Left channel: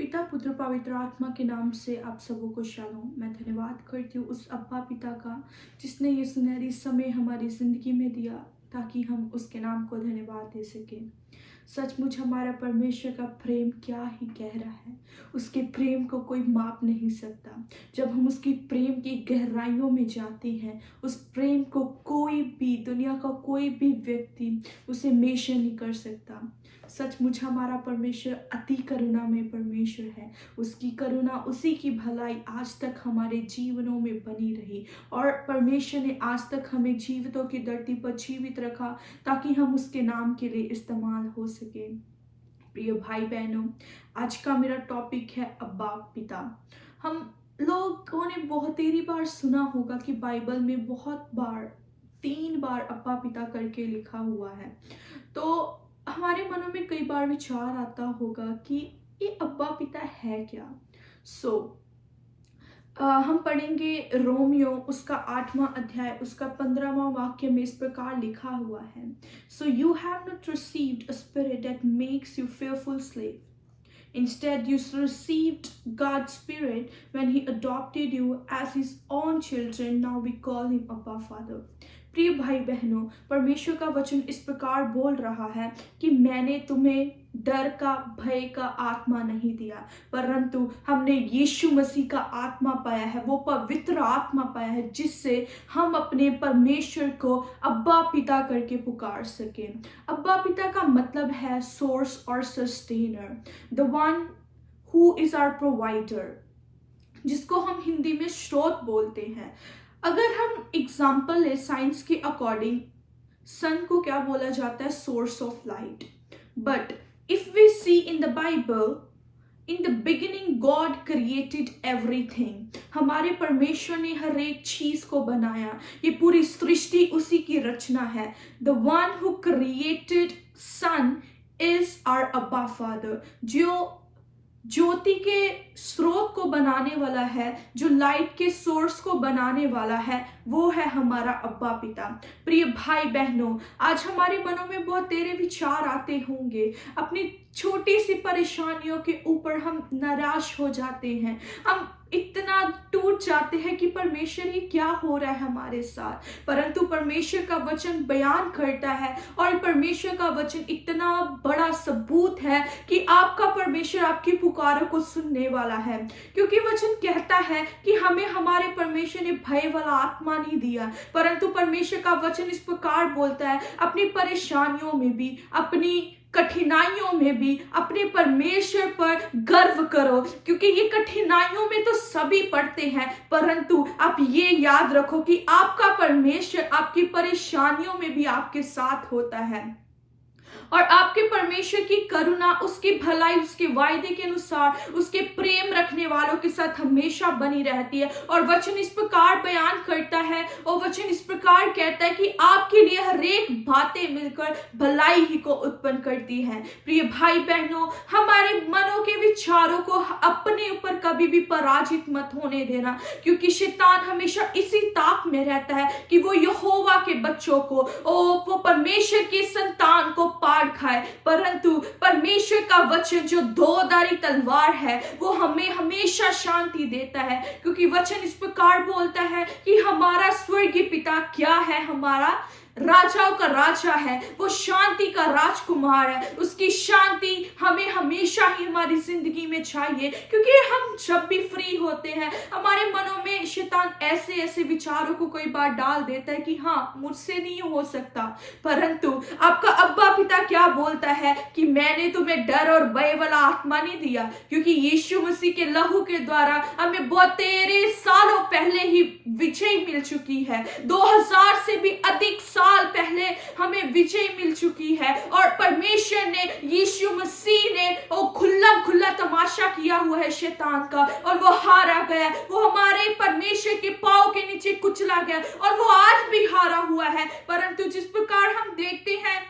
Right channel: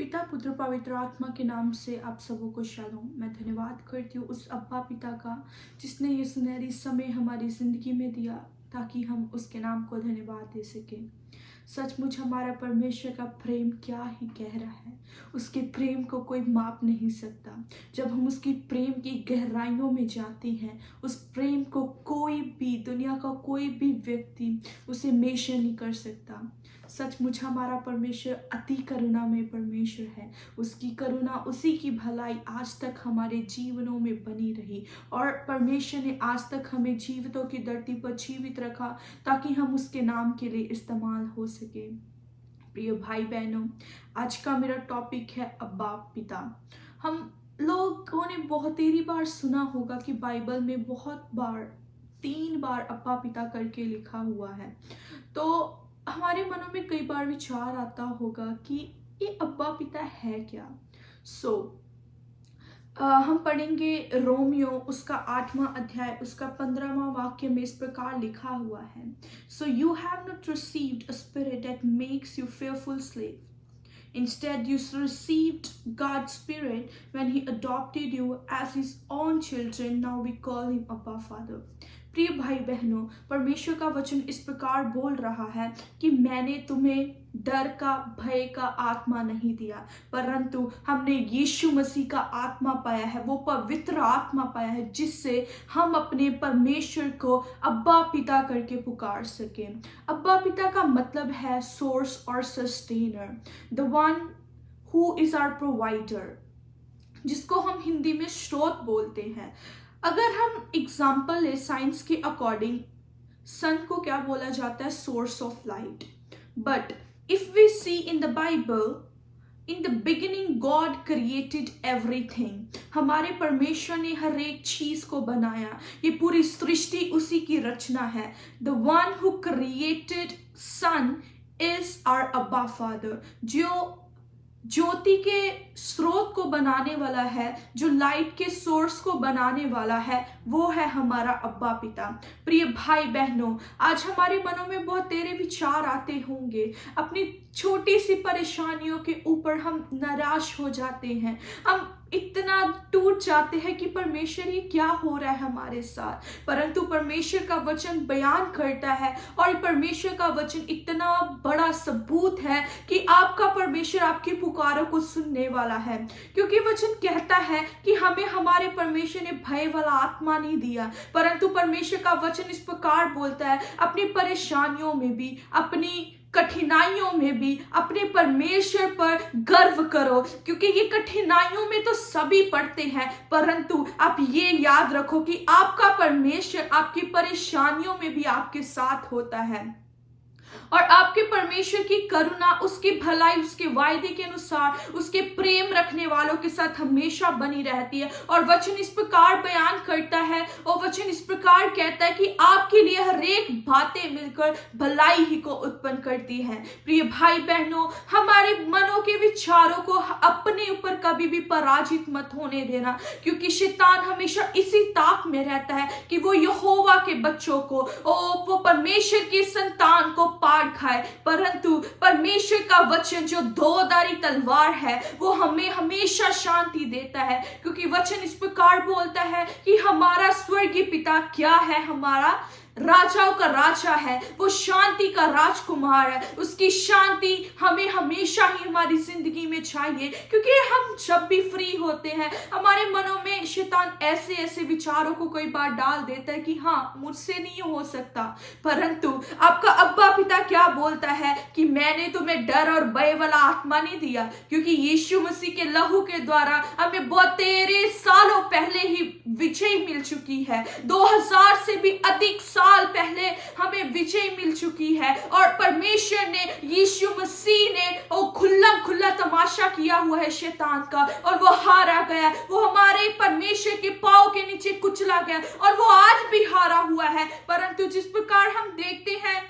पिता पुत्र पवित्र आत्मा के नाम से आप सबों को शालोम। मैं धन्यवाद करती हूँ उस अब्बा पिता का जिसने ये सुनहरी समय हमारी ज़िंदगी में दिया ताकि हम उसके नाम को धन्यवाद दे सकें। सचमुच हमारा परमेश्वर का प्रेम क्या ही गहरा है, उसके प्रेम को कोई माप नहीं सकता। जब हम उसकी प्रेम की गहराइयों में जाते हैं, उस प्रेम को कोई भी, दुनिया का कोई भी व्यक्ति उसे मेजर नहीं कर सकता। सचमुच हमारा परमेश्वर अति करुणा में परमेश्वर है। उसकी करुणा, उसी की भलाई आज तक हमारे जीवनों में बनी रही और परमेश्वर ने आज तक हमें जीवितों की धरती पर जीवित रखा ताकि हम उसके नाम के लिए इस्तेमाल हो सके। प्रिय भाई बहनों, आज का मेरा टॉपिक है अब्बा पिता। हम लोगों ने बहुत तेरी बार सुना होगा कि बाइबल में बहुत बार 3 बार अब्बा पिता करके लिखा हुआ है। तो हमारे मनों में कई बार विचार आता होगा कि ये अब्बा पिता है क्या। हम पढ़ेंगे रोमियो उसका 8वां अध्याय उसका 15वां वाक्य में इस प्रकार लिखा हुआ है। So you have not received a spirit that makes you fearful slave. Instead, you received God's Spirit when He adopted you as His own children. Now we call Him Abba Father. प्रिय भाई बहनों, परमेश्वर का वचन इस प्रकार बोल रहा है कि मैंने तुम्हें डर का, भय का आत्मा नहीं दिया, परंतु हमने यीशु मसीह का आत्मा पाया है, वो पवित्र आत्मा पाया है जिससे हम अपने परमेश्वर को अब्बा पिता करके पुकार सकें। अब्बा पिता का मतलब है सोर्स और sustainer, the one who is our provider, जिसको हम हिंदी में स्रोत बोलते हैं। अगर हम एग्जाम्पल ले साइंस के अकॉर्डिंग, सन को क्या बोला जाता है? Source of light. But if we see in the Bible, in the beginning God created everything. हमारे परमेश्वर ने हर एक चीज को बनाया, ये पूरी सृष्टि उसी की रचना है। The one who created sun is our अब्बा फादर। जो ज्योति के स्रोत को बनाने वाला है, जो लाइट के सोर्स को बनाने वाला है, वो है हमारा अब्बा पिता। प्रिय भाई बहनों, आज हमारे मनों में बहुत तेरे विचार आते होंगे। अपनी छोटी सी परेशानियों के ऊपर हम निराश हो जाते हैं, हम इतना टूट जाते हैं कि परमेश्वर ये क्या हो रहा है हमारे साथ। परंतु परमेश्वर का वचन बयान करता है और परमेश्वर का वचन इतना बड़ा सबूत है कि आपका परमेश्वर आपकी पुकारों को सुनने वाला है। क्योंकि वचन कहता है कि हमें हमारे परमेश्वर ने भय वाला आत्मा नहीं दिया, परंतु परमेश्वर का वचन इस प्रकार बोलता है, अपनी परेशानियों में भी, अपनी कठिनाइयों में भी अपने परमेश्वर पर गर्व करो। क्योंकि ये कठिनाइयों में तो सभी पड़ते हैं, परंतु आप ये याद रखो कि आपका परमेश्वर आपकी परेशानियों में भी आपके साथ होता है और आपके परमेश्वर की करुणा, उसकी भलाई, उसके वायदे के अनुसार उसके प्रेम रखने वालों के साथ हमेशा बनी रहती है। और वचन इस प्रकार बयान करता है और वचन इस प्रकार कहता है कि आपके लिए हर एक बातें मिलकर भलाई ही को उत्पन्न करती है। प्रिय भाई बहनों, हमारे मनों के विचारों को अपने ऊपर कभी भी पराजित मत होने देना, क्योंकि शैतान हमेशा इसी ताक में रहता है कि वो यहोवा के बच्चों को, वो परमेश्वर की संतान को पार खाए। परंतु परमेश्वर का वचन जो दोधारी तलवार है, वो हमें हमेशा शांति देता है। क्योंकि वचन इस प्रकार बोलता है कि हमारा स्वर्गीय पिता क्या है? हमारा राजाओं का राजा है, वो शांति का राजकुमार है। उसकी शांति हमें हमेशा ही हमारी जिंदगी में चाहिए। क्योंकि हम जब भी फ्री होते हैं, हमारे मनों में शैतान ऐसे ऐसे विचारों को कई बार डाल देता है कि हाँ, मुझसे नहीं हो सकता। परंतु आपका अब्बा पिता क्या बोलता है कि मैंने तुम्हें डर और भय वाला आत्मा नहीं दिया, क्योंकि यीशु मसीह के लहू के द्वारा हमें बहुत तेरे सालों पहले ही विजय मिल चुकी है। 2000 से भी अधिक साल पहले हमें विजय मिल चुकी है और परमेश्वर ने, यीशु मसीह ने वो खुला तमाशा किया हुआ है शैतान का, और वो हारा गया। वो हमारे परमेश्वर के पांव के नीचे कुचला गया और वो आज भी हारा हुआ है। परंतु जिस प्रकार हम देखते हैं,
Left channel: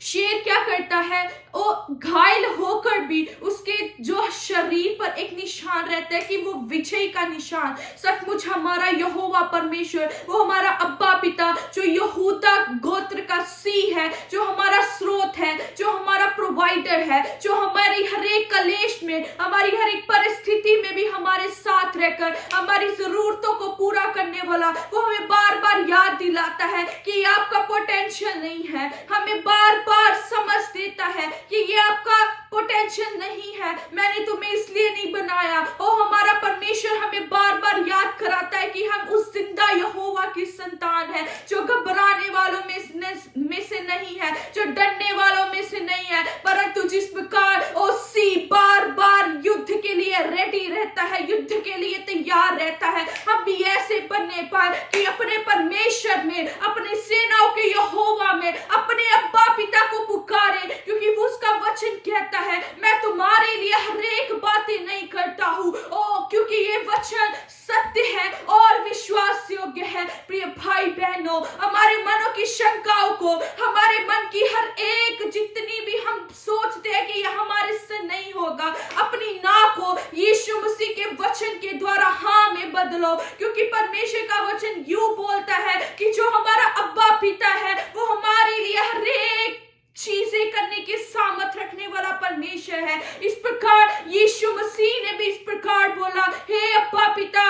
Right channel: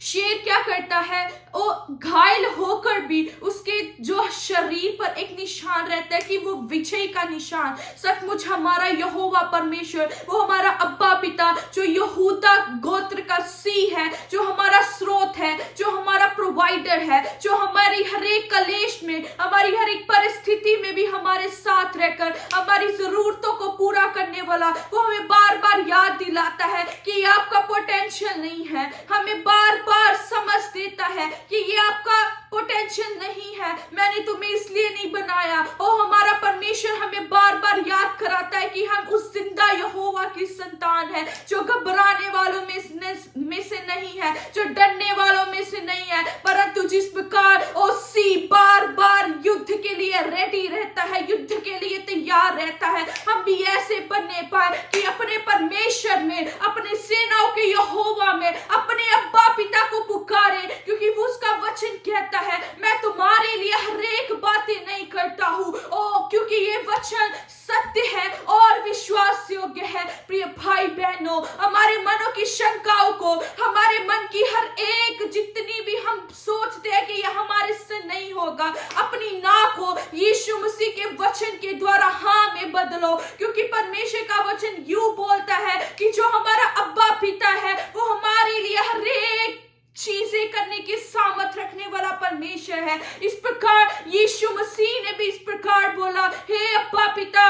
शेर क्या करता है, वो घायल होकर भी उसके जो शरीर पर एक निशान रहता है कि वो विजय का निशान। सचमुच हमारा यहोवा परमेश्वर, वो हमारा अब्बा पिता जो यहूदा गोत्र का सी है, जो हमारा स्रोत है, जो हमारा प्रोवाइडर है, जो हमारी हर एक कलेश में में, हमारी हर एक परिस्थिति में भी हमारे साथ रहकर हमारी जरूरतों को पूरा करने वाला वो हमें बार बार याद दिलाता है कि ये आपका पोटेंशियल नहीं है, हमें बार बार समझ देता है कि ये आपका पोटेंशियल नहीं है, मैंने तुम्हें इसलिए नहीं बनाया। और हमारा परमेश्वर हमें बार बार याद कराता है कि हम उस जिंदा यहोवा की संतान है, जो घबराने वालों में से नहीं है, जो डरने वालों में से नहीं है, परंतु जिस प्रकार ओसी बार बार युद्ध के लिए रेडी रहता है, युद्ध के लिए तैयार रहता है, हम भी ऐसे बनने पाए कि अपने परमेश्वर में, अपने सेनाओं के यहोवा में, अपने अब्बा पिता को पुकारे, क्योंकि वो उसका वचन कहता है मैं तुम्हारे लिए हर एक बातें नहीं करता हूं। ओ क्योंकि ये वचन सत्य है और विश्वास योग्य है। प्रिय भाई बहनों, हमारे मनों की शंकाओं को, हमारे मन की हर एक जितनी भी हम सोचते हैं कि यह हमारे से नहीं होगा, अपनी ना को यीशु मसीह के वचन के द्वारा हाँ में बदलो, क्योंकि परमेश्वर का वचन यूं बोलता है कि जो हमारा अब्बा पिता है वो हमारे लिए हर एक चीजें करने की सामर्थ रखने वाला परमेश्वर है। इस प्रकार यीशु मसीह ने भी इस प्रकार बोला, हे अब्बा पिता,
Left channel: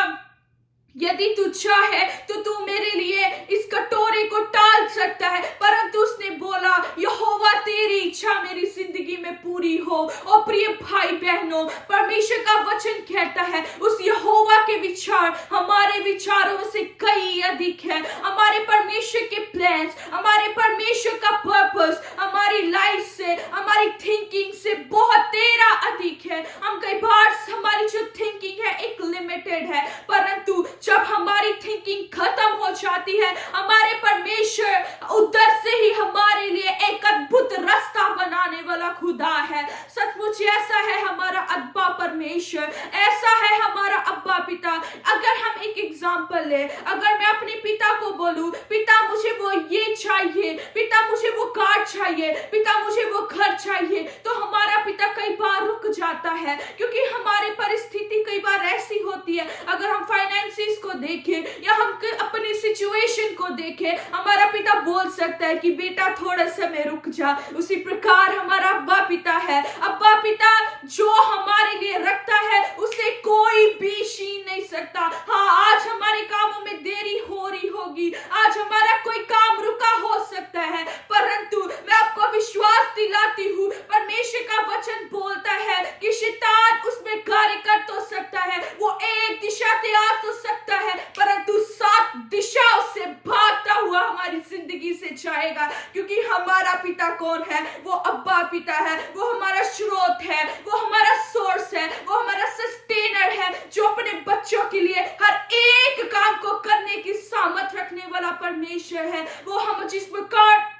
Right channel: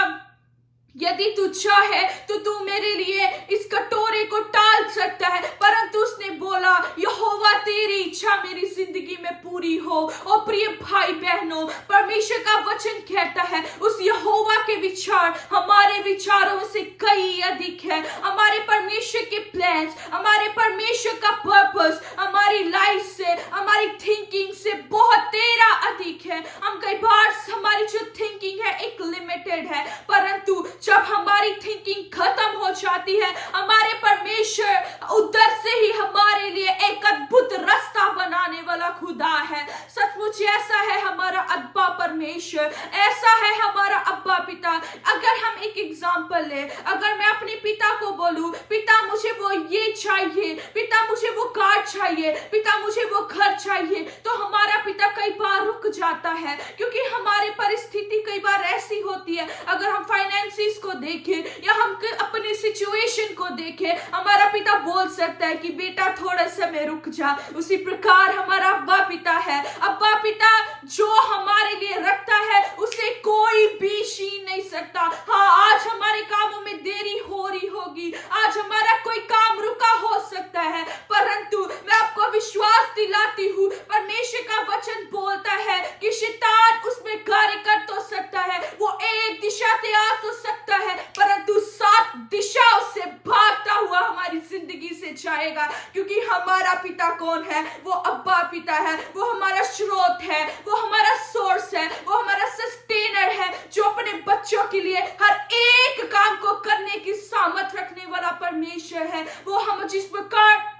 यदि तू चाहे तो तू मेरे लिए इस कटोरे को टाल सकता है, परंतु उसने बोला यहोवा तेरी इच्छा मेरी जिंदगी में पूरी हो। और प्रिय भाई बहनों, परमेश्वर का वचन कहता है उस यहोवा के विचार हमारे विचारों से कई अधिक है। हमारे परमेश्वर के प्लान्स, हमारे परमेश्वर का पर्पस हमारी लाइफ से, हमारी थिंकिंग से बहुत तेरा अधिक है। हम कई बार हमारी जो थिंकिंग है एक लिमिटेड है, परंतु जब हमारी थिंकिंग खत्म हो जाती है, हमारे परमेश्वर उधर से ही हमारे लिए एक अद्भुत रास्ता बनाने वाला खुदा है। सचमुच ऐसा है हमारा अब्बा परमेश्वर, ऐसा है हमारा अब्बा पिता। अगर हम एक एग्जांपल ले, अगर मैं अपने पिता को बोलूं, पिता मुझे वो ये चाहिए, पिता मुझे वो कार चाहिए, पिता मुझे वो घर चाहिए, तो हमारा पिता कई बार रुक जाता है, क्योंकि हमारी परिस्थिति कई बार ऐसी होती है। अगर हम फाइनेंसिस को देखें या हम अपनी सिचुएशन को देखें, हमारा पिता बोल सकता है कि बेटा थोड़ा समय रुक जा। उसी प्रकार हमारा अब्बा पिता है, अब्बा पिता जो हमारे लिए रखता है उसे कोई भी छीन नहीं सकता। हाँ, आज हमारे कामों में देरी हो रही होगी, आज हमारा कोई काम रुका हो सकता है, परंतु मैं आपको विश्वास दिलाती हूँ, परमेश्वर का वचन बोलता है कि शैतान उसमें कार्य कर तो सकता है, वो एक दिशा से आ तो सकता है, परंतु 7 दिशाओं से भागता हुआ हमारी जिंदगी से जाएगा, क्योंकि हमारा पिता कौन है? वो अब्बा पिता है, वो हमारा स्रोत है, वो हमारा सोर्स है, वो हमारा सस्टेनर है, जो अपने बच्चों के लिए हर एक काम को करने की सामर्थ रखने वाला परमेश्वर है। वो हम जिस प्रकार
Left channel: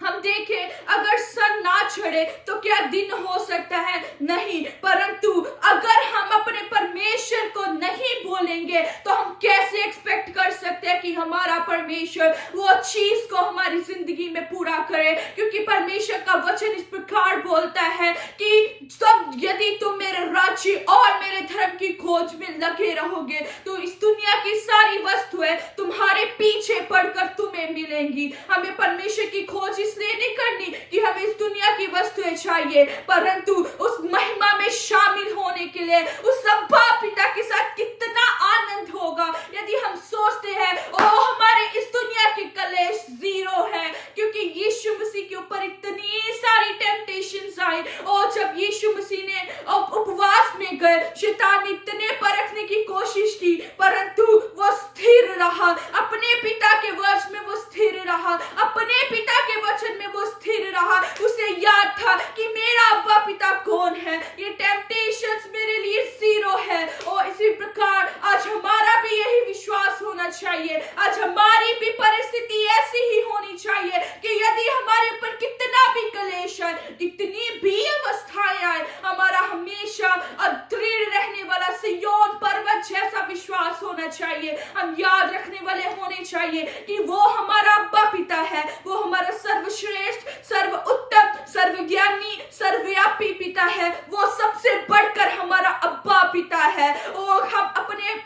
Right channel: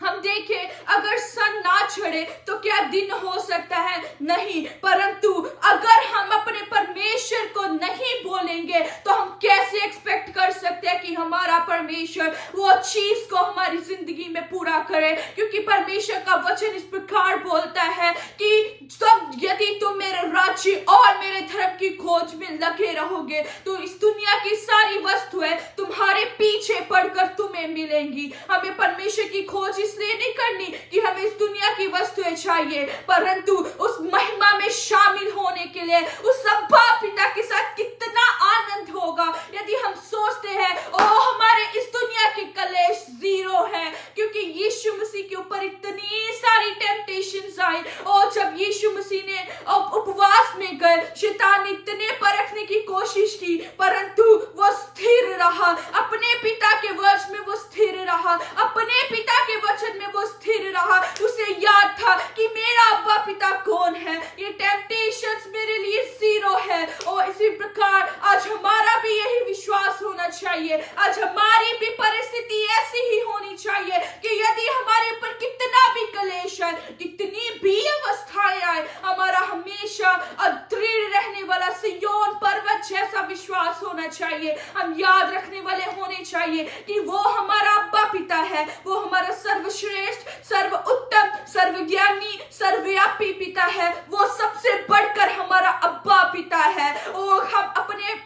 हम देखें, अगर सन ना चढ़े तो क्या दिन हो सकता है? नहीं, परंतु अगर हम अपने परमेश्वर को नहीं बोलेंगे तो हम कैसे एक्सपेक्ट कर सकते हैं कि हमारा परमेश्वर वो चीज को हमारी जिंदगी में पूरा करे? क्योंकि परमेश्वर का वचन इस प्रकार बोलता है कि सब यदि तुम मेरे राज्य और मेरे धर्म की खोज में लगे रहोगे तो इस दुनिया की सारी वस्तुएं तुम्हारे पीछे पड़कर तुम्हें मिलेंगी। हमें परमेश्वर की खोज इसलिए नहीं करनी कि हमें इस दुनिया की वस्तुएं चाहिए, परंतु उस महिमा में शामिल होने के लिए उस अब्बा पिता के साथ कितना आनंद होगा यदि हम सोचते हैं ओ हमारे इस दुनिया के कलेश जीरो है, क्योंकि यीशु मसीह के ऊपर इतनी सारी टेम्पटेशंस आई। और जब यीशु मसीह ने उपवास में गए, शैतान ने इतने परखने की कोशिश की, परंतु वो स्थिर रहा, अपने पिता के वचन में वो स्थिर रहा, अपने पिता के वचन में वो स्थिर रहा। उसे याद था कि मेरा अब्बा पिता कौन है, ये टेम्पटेशंस मेरे लिए जीरो है। और इसी प्रकार आज हमारा भी यही विश्वास होना चाहिए, आज हमारी भी परिस्थिति ऐसी ही होनी चाहिए कि यदि हमारे ऊपर कितना भी क्लेश है, कितनी भी अवस्थाएं आए, हमारा हमेशा अदृढ़ रहने वाला सिय्योन पर्वत जैसा विश्वास होना चाहिए। हम याद रखने वाले होने चाहिए कि वो हमारा अब्बा पिता है, वो हमारा सर्वश्रेष्ठ, सर्व उत्तम, सर्वज्ञानी, सर्वव्यापी पिता है, वो सबसे बढ़कर हमारा अब्बा पिता है। और हम अपने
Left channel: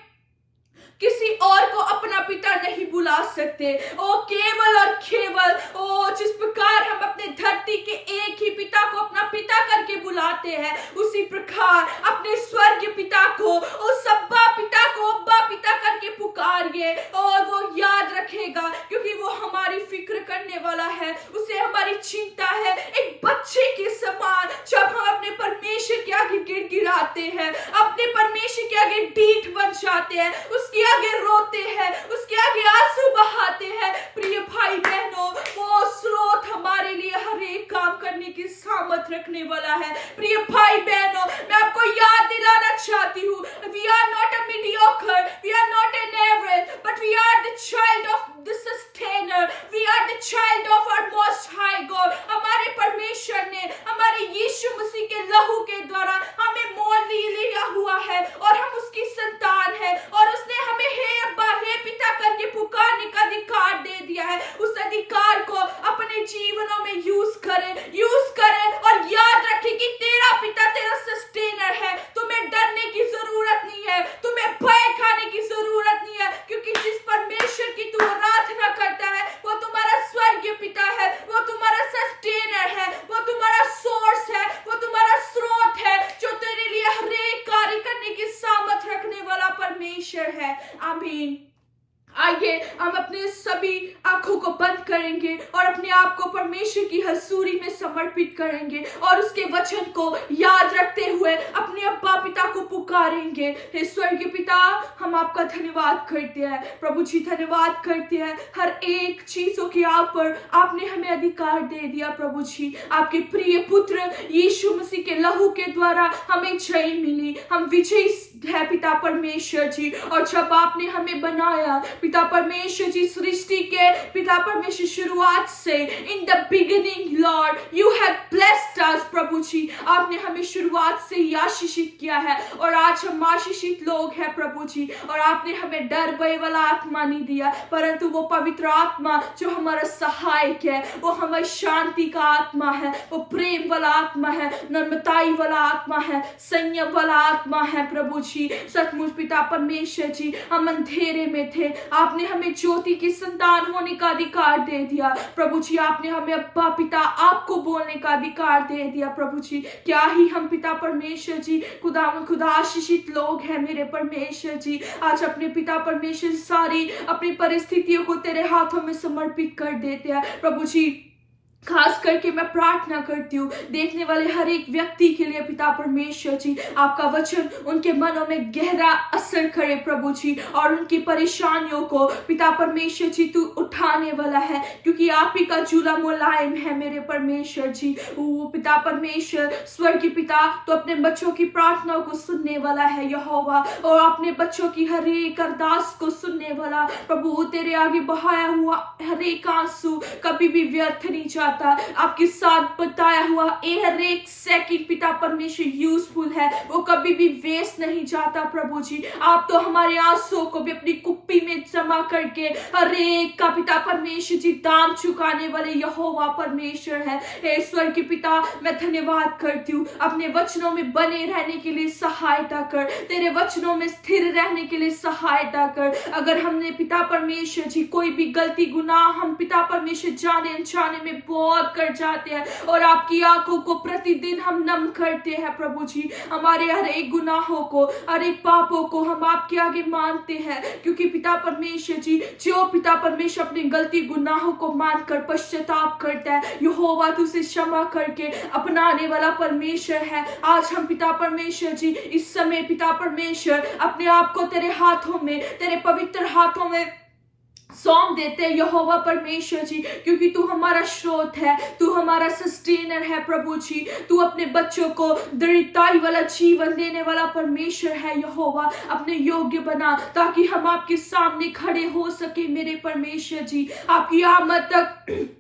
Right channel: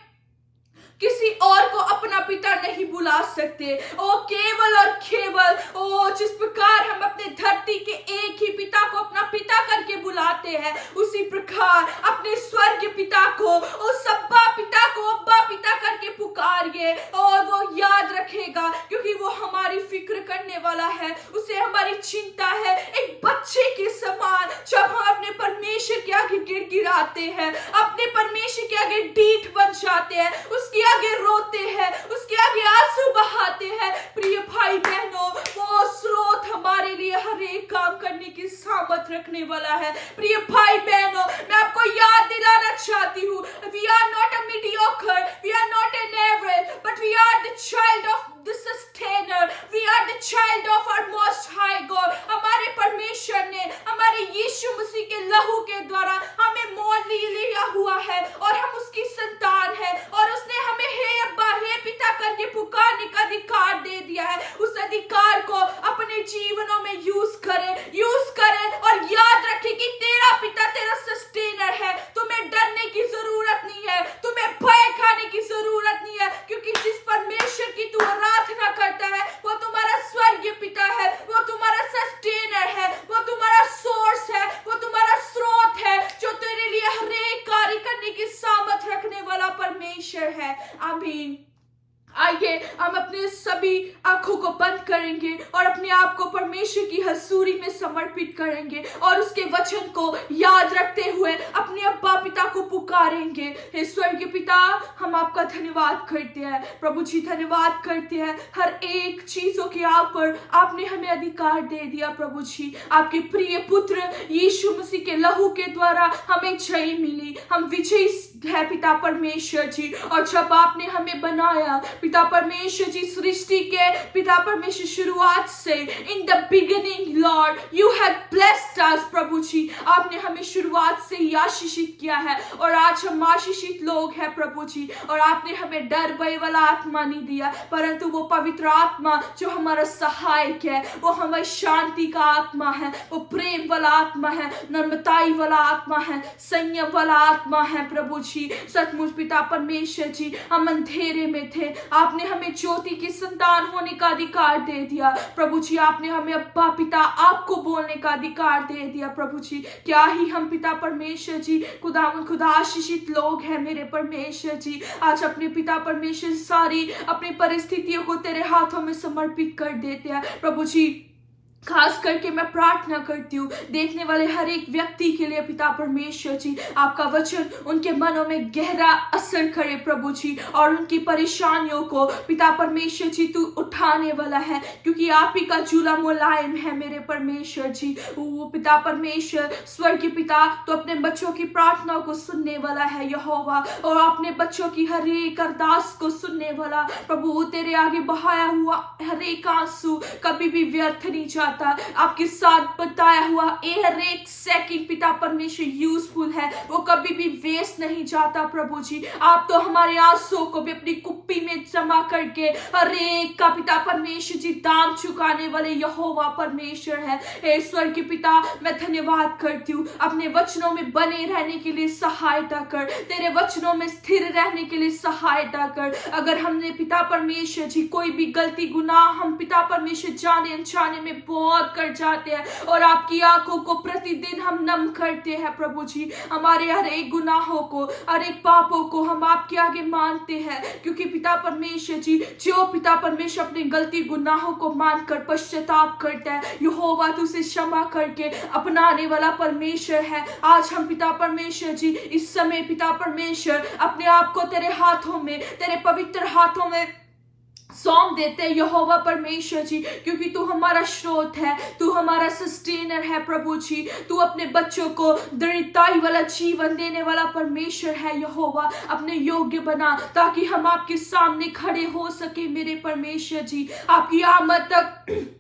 किसी और को अपना पिता नहीं बुला सकते, ओ केवल और केवल ओ जिस प्रकार हम अपने धरती के एक ही पिता को अपना पिता करके बुलाते हैं, उसी प्रकार बार अपने स्वर्ग पिता को, उस अब्बा पिता को अब्बा पिता करके पुकारिए और वो याद रखेगा, क्योंकि वो हमारी फिक्र करने वाला है, उसे हमारी चिंता है। एक बच्चे के समान जब हम अपने परमेश्वर के आगे गिड़गिड़ाते हैं, अपने परमेश्वर के आगे ढीठ बन जाते हैं, उसके आगे रोते हैं, उसके आगे आंसू बहाते हैं, प्रिय भाई बहनों, वो स्रोत हमारे लिए हर एक काम करने की सामर्थ रखने वाला है। प्रिय भाई बहनों, मैं आपको याद दिलाना चाहती हूँ, we are not a mediocre, we are not an average, but we are the child of the sustainer, we are the child of our most high God। हमारे परमेश्वर ने हमारे यीशु मसीह के लहू के द्वारा हमें मोल लिया हुआ है और हम उसकी संतान है, और उसने हमें हे अब्बा हे पिता करके पुकारने का अधिकार दे दिया है। उस अधिकार को अपने जीवनों में यूज करें और याद रखें कि तेरा पिता तेरा सस्टेनर है। तुम्हें डरने की जरूरत नहीं है, तुम्हें भय खाने की जरूरत नहीं है, क्योंकि जिस परमेश्वर की तू आराधना करता है वो तुम्हारा स्वर्गीय पिता है, वो तुम्हारा सस्टेनर है, वो तुम्हारा सोर्स है, वो तुम्हारा स्रोत है, जो तेरे लिए हर एक कार्य करने की सामर्थ रखने वाला परमेश्वर है। आमीन। आइए हम अपने सभी आंखों को बंद करेंगे और अपने आप को परमेश्वर की हजूरी में समर्पित करेंगे और उसके वचन को याद रखते हुए अपने अब्बा पिता को पुकारेंगे। हे स्वर्गीय पिता, हम आपका धन्यवाद करते हैं प्रभु जी, धन्यवाद करते हैं हर एक चीजों के आप पर आपने हमें अधिकार दे दिया प्रभु जी। आपके प्रिय पुत्र यीशु मसीह के लहू के द्वारा हमें जय मिली, हम विजयी है पिता परमेश्वर जी। और जब आपने हमें बनाया पिता परमेश्वर जी, सृष्टि के पिता परमेश्वर शुरुआत से, in the beginning lord you have blessed us प्रभु जी, आपने हमें शुरुआत से ही आशीषित किया है और आज हम आशीषित लोग हैं प्रभु जी। और आपने हमें डर भय वाला आत्मा नहीं दिया, परंतु वो पवित्र आत्मा जो हमारा सहायक है, वो हमारी शांति का आत्मा है, वो प्रेम वाला आत्मा है, नम्रताई वाला आत्मा है, संयम वाला आत्मा है प्रभु जी। सचमुच पिता परमेश्वर जी, हम अंधेरे में थे, आपने हमें ज्योति की संतान होने का अधिकार दे दिया प्रभु जी। आपने हमें अब्बा पिता आपको बोलने का अधिकार दे दिया प्रभु जी। क्या ही हम पिता परमेश्वर जी खुदा आशीषित लोग हैं मेरे परमेश्वर जी। आज अपने पिता परमेश्वर सारी अपनी परिस्थितियों को तेरे हाथों में समर्पित कर देते हैं प्रभु जी। खास करके मैं प्रार्थना करती हूँ देखने वाले हर एक व्यक्ति के लिए पिता परमेश्वर जी, आपका वचन उनके मनों में गहरा असर करे प्रभु जी, और उनकी परेशानियों को पिता परमेश्वर जी तू उठाने वाला है, क्योंकि आप ही का झूला मुलायम है मेरे परमेश्वर जी। वो पिता परमेश्वर स्वर्गीय पिता तो अपने बच्चों की प्रार्थनाओं को सुनने वाला है यहोवा, और अपने बच्चों की हर एक अरदास को सुनने वाला प्रभु। तेरे आगे बहाया हुआ हर एक आंसू कभी भी व्यर्थ नहीं जाता, आपके साथ बताया हुआ हर एक सेकंड पिता परमेश्वर यूजफुल है, वो कभी भी वेस्ट नहीं जाता प्रभु जी। आप तो हमारे आंसुओं को भी अपनी कुप्पी में जमा करके हर एक का पिता परमेश्वर जी दाम चुकाने वाले यहोवा परमेश्वर है। हे स्वर्गीय पिता, मैं धन्यवाद करती हूँ, अपने वचनों में बने रहने के लिए सहायता कर, तेरे वचनों में स्थिर रहने के लिए सहायता कर। अगर हमने पिता परमेश्वर जी कोई भी गलती गुनाह हम पिता परमेश्वर जाने अनजाने में बहुत कर जाते हैं, और आपकी आंखों को प्रतिदिन हम नम करते हैं प्रभु जी। हमारे हर एक गुनाहों को, हर एक पापों को हम आपके आगे मानते हैं, क्योंकि पिता परमेश्वर जी जो पिता परमेश्वर अपनी गलती गुनाहों को मानकर पश्चाताप करता है, यहोवा तू उसे क्षमा करके अपनाने वाला परमेश्वर है। आज हम पिता परमेश्वर जी इस समय पिता परमेश्वर अपने आप को तेरे हाथों में, तेरे पवित्र हाथों में सौंप देते हैं यहोवा परमेश्वर जी, क्योंकि तू हमारा स्रोत है, तू हमारा सस्टेनर है प्रभु जी। तू अपने बच्चों को दृढ़ताई वाला जीवन देने वाला परमेश्वर है यहोवा। अपने योग्य बना ताकि हम आपके सामने खड़े हो सके मेरे परमेश्वर जी। आपकी आमद तक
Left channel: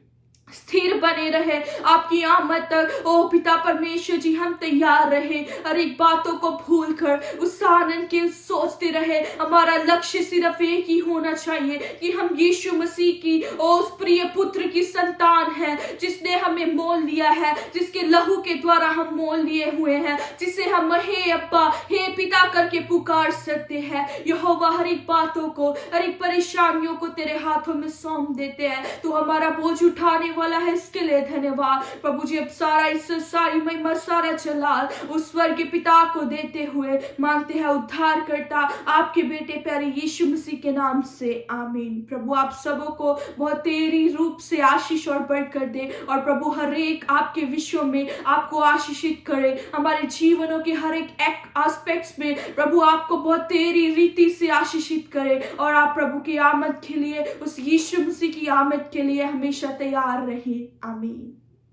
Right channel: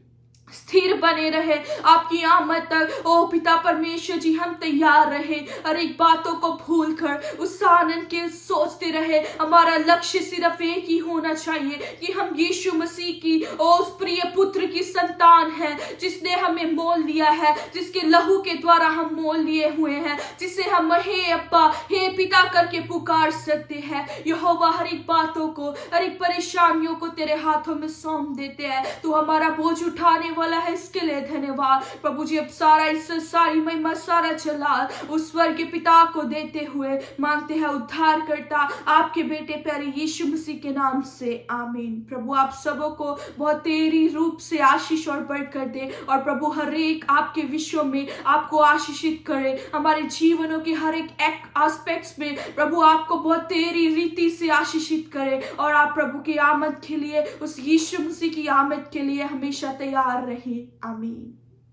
स्थिर बने रहे, आपकी आमद तक ओ पिता परमेश्वर जी हम तैयार रहे, हर एक बातों को भूल कर उस आनंद के सोचते रहे। हमारा लक्ष्य सिर्फ एक ही होना चाहिए कि हम यीशु मसीह की उस प्रिय पुत्र की संतान है, जिसने हमें मोल लिया है, जिसके लहू के द्वारा हम मोल लिए हुए हैं, जिसे हम हे अब्बा हे पिता करके पुकार सकते हैं। यहोवा हर एक बातों को, हर एक परेशानियों को तेरे हाथों में सौंप देते हैं। तू हमारा बोझ उठाने वाला है, इसके लिए धन्यवाद प्रभु जी। अब सारा इज्जत, सारी महिमा, सारा जलाल उस स्वर्ग के पिता को देते हुए मांगते हैं उद्धार करता आपके बेटे प्यारे यीशु मसीह के नाम से, आमीन। प्रभु आप सबों को बहुत तेरी रूप से आशीष और बरकत दे, और प्रभु हर एक आपके विषयों में आपको आशीषित करे, हमारे जीवनों के हर एक एस्पेक्ट्स में प्रभु आपको बहुत तेरी रीति से आशीषित करे, और आप प्रभु की आमद के लिए, उस यीशु मसीह की आमद के लिए हमेशा तैयार रहे, आमीन।